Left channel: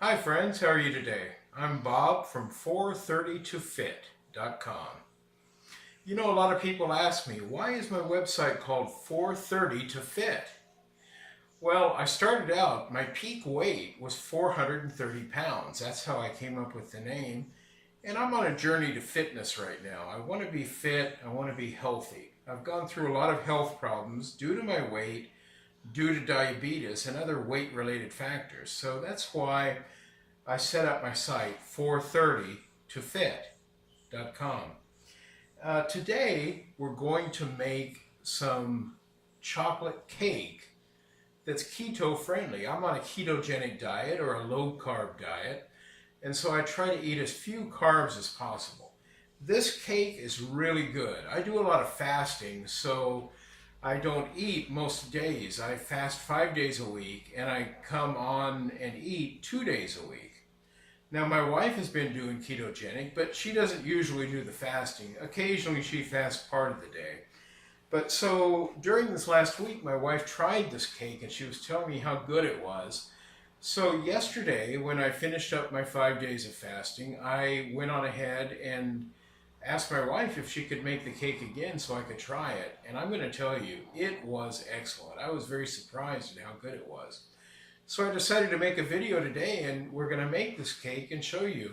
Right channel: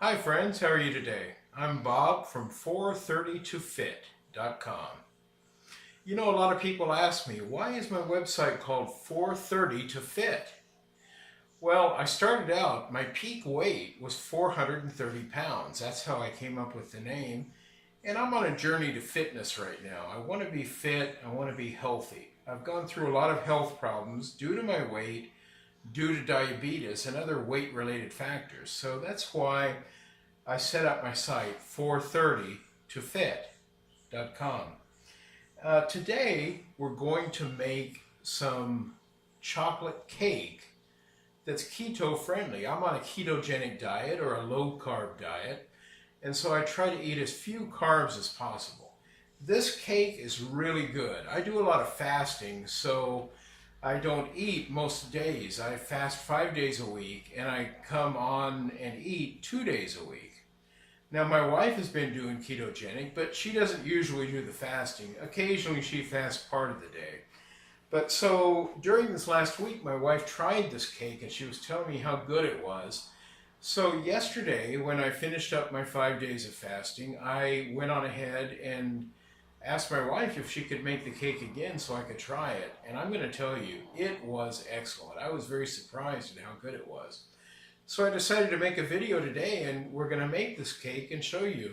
Hi friends, how are you today? I'm Bob from 430ToFit.com. You know, a lot of people ask me, why is my website called 430ToFit? Well, I started out, my peak weight was 430 pounds. That's how I came up with the name. And I'm on a journey to fitness right now. I want to be fit, I want to be healthy. I've gone through a lot of health problems due to my weight, due to diabetes and other weight-related factors. So that's why I set up my site 430tofit.com. Today we're going to make some chocolate cake that's keto friendly. I'm on a ketogenic diet or a low carb diet, and so I try to eat as few carbs as possible. This cake is really good. I do a lot of fasting, so I don't eat most days. I fast 5 days a week, and I come on and eat 2 days a week. Now, my wife has been doing ketogenic, but she doesn't usually do the fasting. Occasionally, she fasts part of the day. But so during this last week, my wife tried this cake, and she was telling me how good it was. So yesterday, when I finished up my 5 days of fasting, I went on ahead and asked my wife if she could make the cake again so I could try it. And I'm going to tell you, it was excellent. I was very surprised at how good it was. So I decided to make a video today, and we're going to make this cake and show you.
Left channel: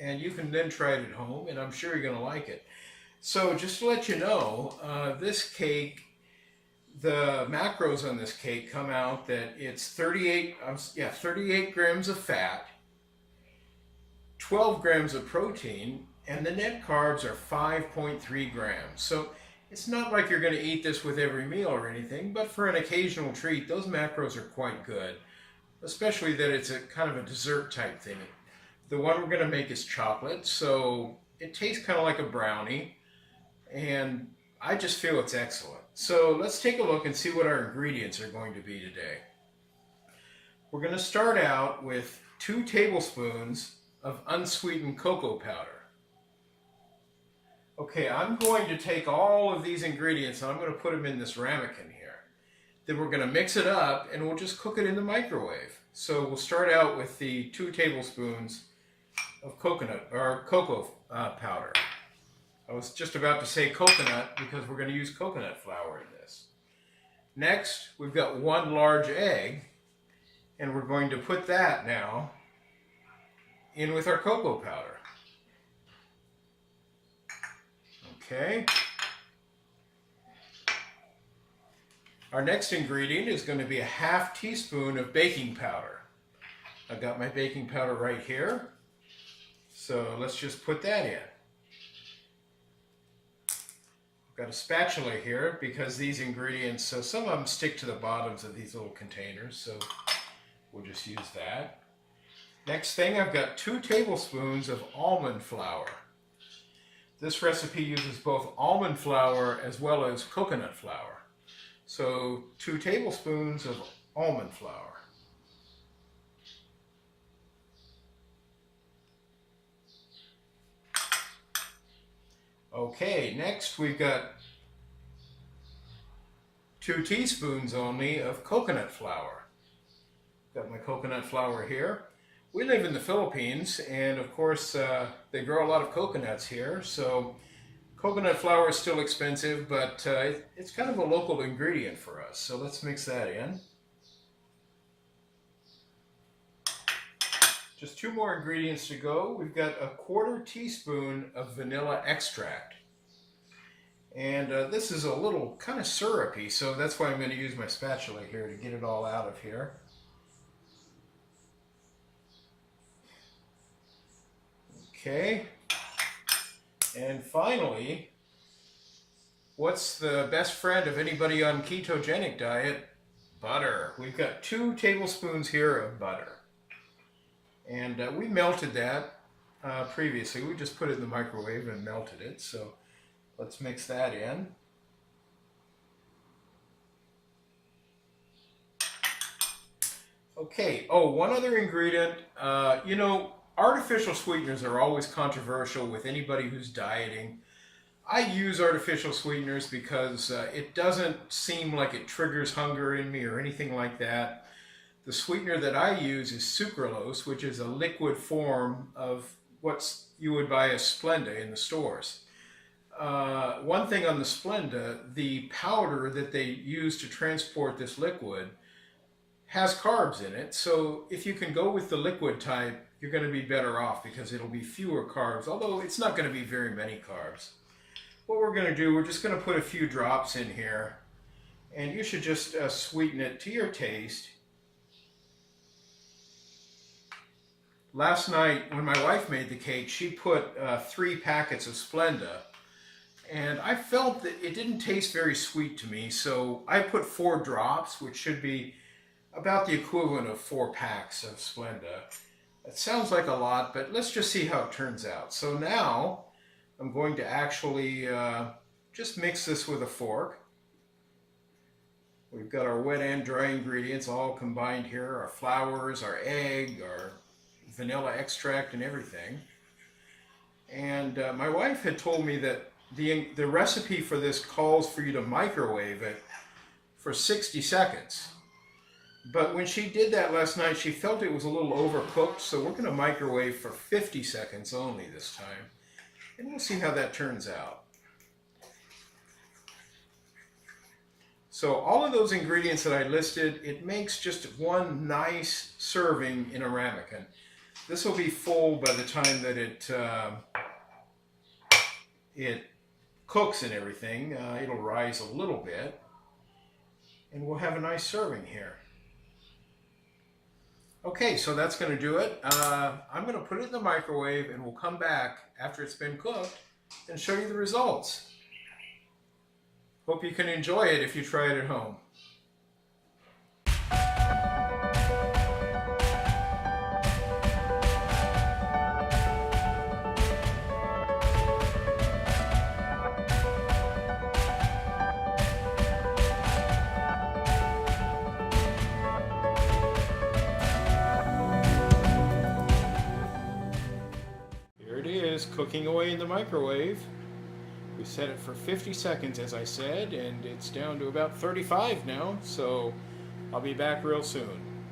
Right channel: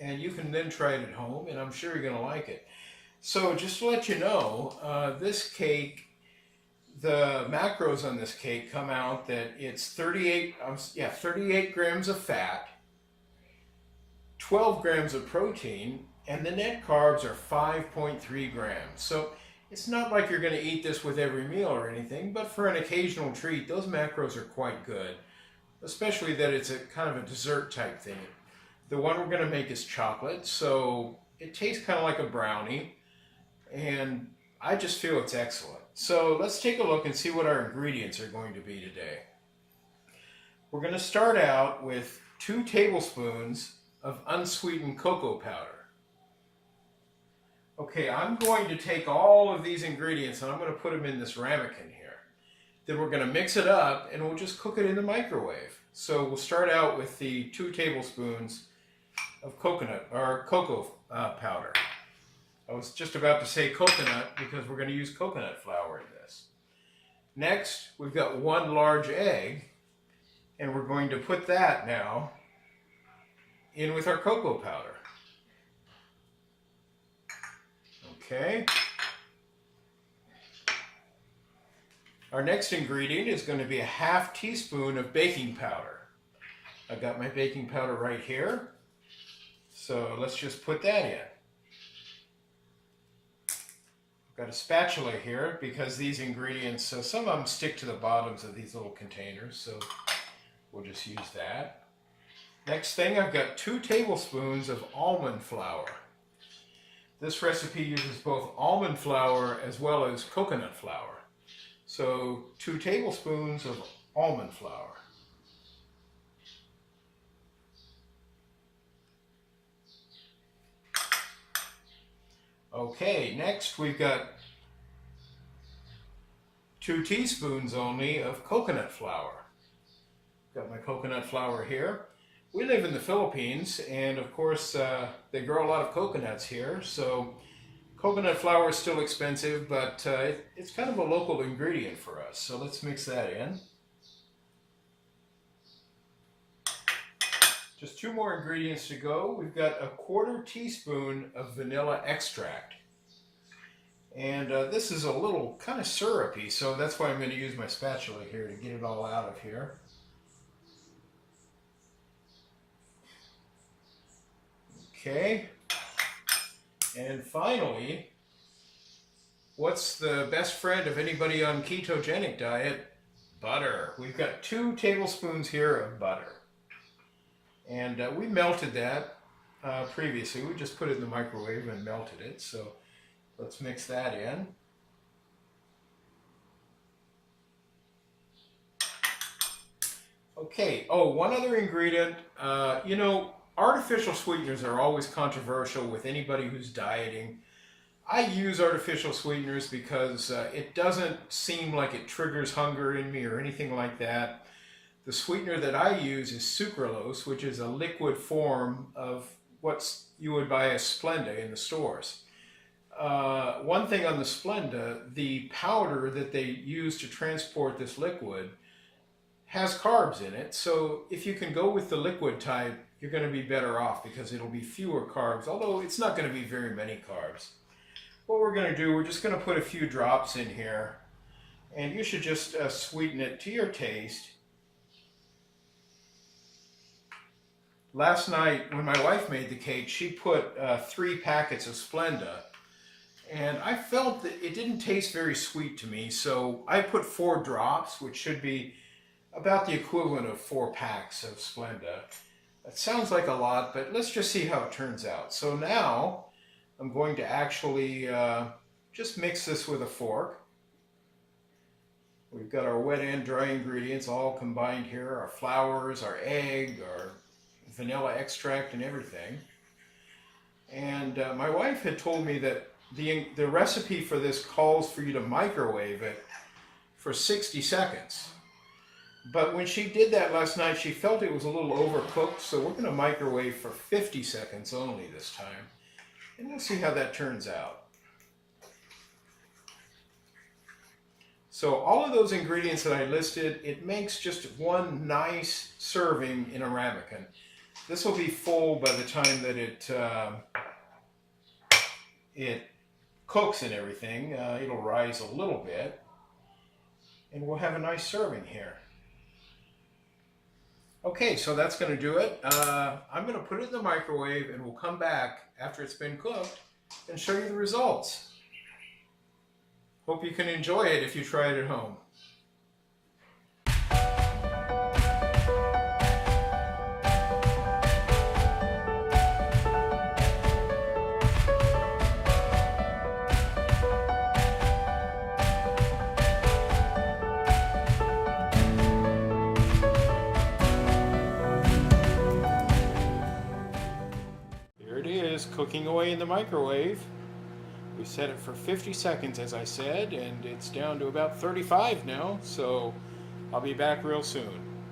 And you can then try it at home, and I'm sure you're going to like it. So just to let you know, this cake, the macros on this cake come out that it's 38 grams of fat, 12 grams of protein, and the net carbs are 5.3 grams. So it's not like you're going to eat this with every meal or anything, but for an occasional treat, those macros are quite good. Especially that it's a kind of a dessert type thing. The one we're going to make is chocolate, so it tastes kind of like a brownie, and I just feel it's excellent. So let's take a look and see what our ingredients are going to be today. We're going to start out with 2 tablespoons of unsweetened cocoa powder. Okay, I'm going to take all of these ingredients and I'm going to put them in this ramekin here. Then we're going to mix it up and we'll just cook it in the microwave. So we'll start out with the 2 tablespoons of cocoa powder. I was just about to say coconut because we're going to use coconut flour in this. Next, we've got 1 large egg, and we're going to put that now in with our cocoa powder. Okay. Our next ingredient is going to be a ½ teaspoon of baking powder. I've got my baking powder right here. So let's just put that in. I've got a spatula here because these ingredients, so some of them stick to the bottoms of these little containers, so we'll just use that. Next thing, I've got 2 tablespoons of almond flour. This recipe uses both almond flour as well as coconut flour. So 2 tablespoons of almond flour. Okay, next we've got 2 teaspoons only of coconut flour. Got my coconut flour here. We live in the Philippines, and of course they grow a lot of coconuts here, so coconut flour is still expensive, but it's kind of a local ingredient for us. So let's mix that in. Just 2 more ingredients to go. We've got a 1/4 teaspoon of vanilla extract. And this is a little kind of syrupy, so that's why I'm going to use my spatula here to get it all out of here. Okay. And finally, what's the best friend of anybody on ketogenic diet? Butter. We've got 2 tablespoons here of butter. And we melted that previously. We just put it in the microwave and melted it. So let's mix that in. Okay, oh, one other ingredient. You know, artificial sweeteners are always controversial with anybody who's dieting. I use artificial sweeteners because it doesn't seem like it triggers hunger in me or anything like that. The sweetener that I use is sucralose, which is a liquid form of what you would buy as Splenda in the stores. One thing on the Splenda, the powder that they use to transport this liquid has carbs in it. So if you can go with the liquid type, you're going to be better off because it'll be fewer carbs, although it's not going to be very many carbs. What we're going to do, we're just going to put a few drops in here, and you should just sweeten it to your taste. Last night, when my wife made the cake, she put 3 packets of Splenda, and I felt that it didn't taste very sweet to me, so I put 4 drops, which should be about the equivalent of 4 packs of Splenda. It sounds like a lot, but let's just see how it turns out. So now I'm going to actually just mix this with a fork. We've got our wet and dry ingredients all combined here, our flours, our egg, our vanilla extract, and everything. And my wife had told me that the recipe for this calls for you to microwave it for 60 seconds. But when she did that last night, she felt it was a little overcooked, so we're going to microwave for 50 seconds only this time. And we'll see how that turns out. So all of those ingredients that I listed, it makes just one nice serving in a ramekin. This will be full by the time that it cooks and everything. It'll rise a little bit, and we'll have a nice serving here. Okay, so that's going to do it. I'm going to put it in the microwave, and we'll come back after it's been cooked and show you the results. Hope you can enjoy it if you try it at home. Cooking away in the microwave. We set it for 50 seconds, as I said, and it's down to about 35 now, so I'll be back real soon.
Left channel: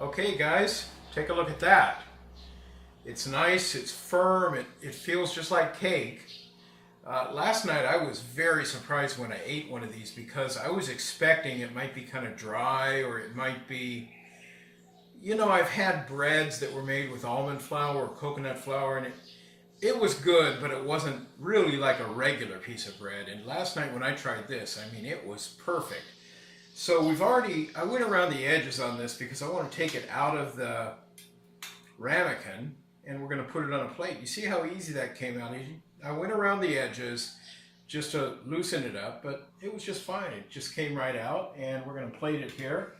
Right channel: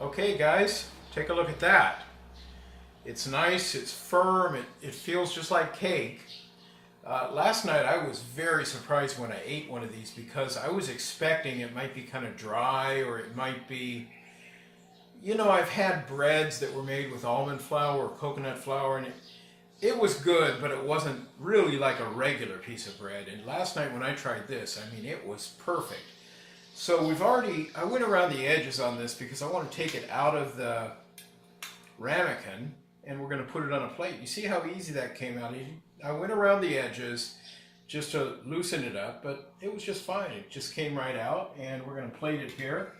Okay guys, take a look at that. It's nice, it's firm, it feels just like cake. Last night I was very surprised when I ate one of these because I was expecting it might be kind of dry, or it might be, you know, I've had breads that were made with almond flour or coconut flour, and it was good, but it wasn't really like a regular piece of bread. And last night when I tried this, I mean, it was perfect. So I went around the edges on this because I want to take it out of the ramekin, and we're going to put it on a plate. You see how easy that came out? I went around the edges just to loosen it up, but it was just fine. It just came right out, and we're going to plate it here.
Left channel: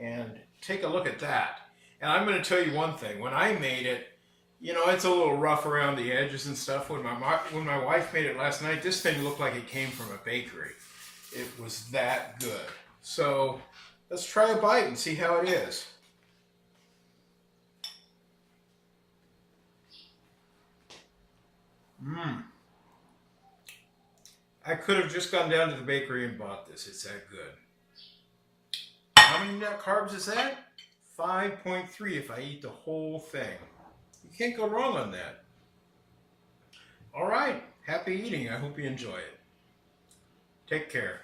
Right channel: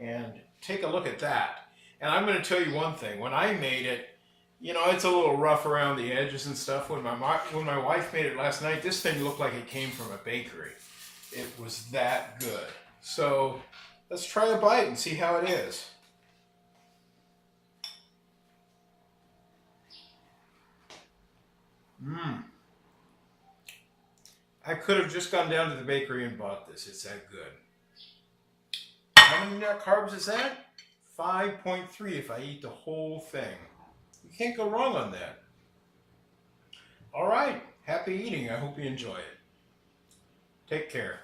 And take a look at that. And I'm going to tell you one thing. When I made it, you know, it's a little rough around the edges and stuff. When my wife made it last night, this thing looked like it came from a bakery. It was that good. So let's try a bite and see how it is. I could have just gone down to the bakery and bought this. It's that good. How many net carbs is that? 5.3 if I eat the whole thing. You can't go wrong on that. All right, happy eating. I hope you enjoy it. Take care.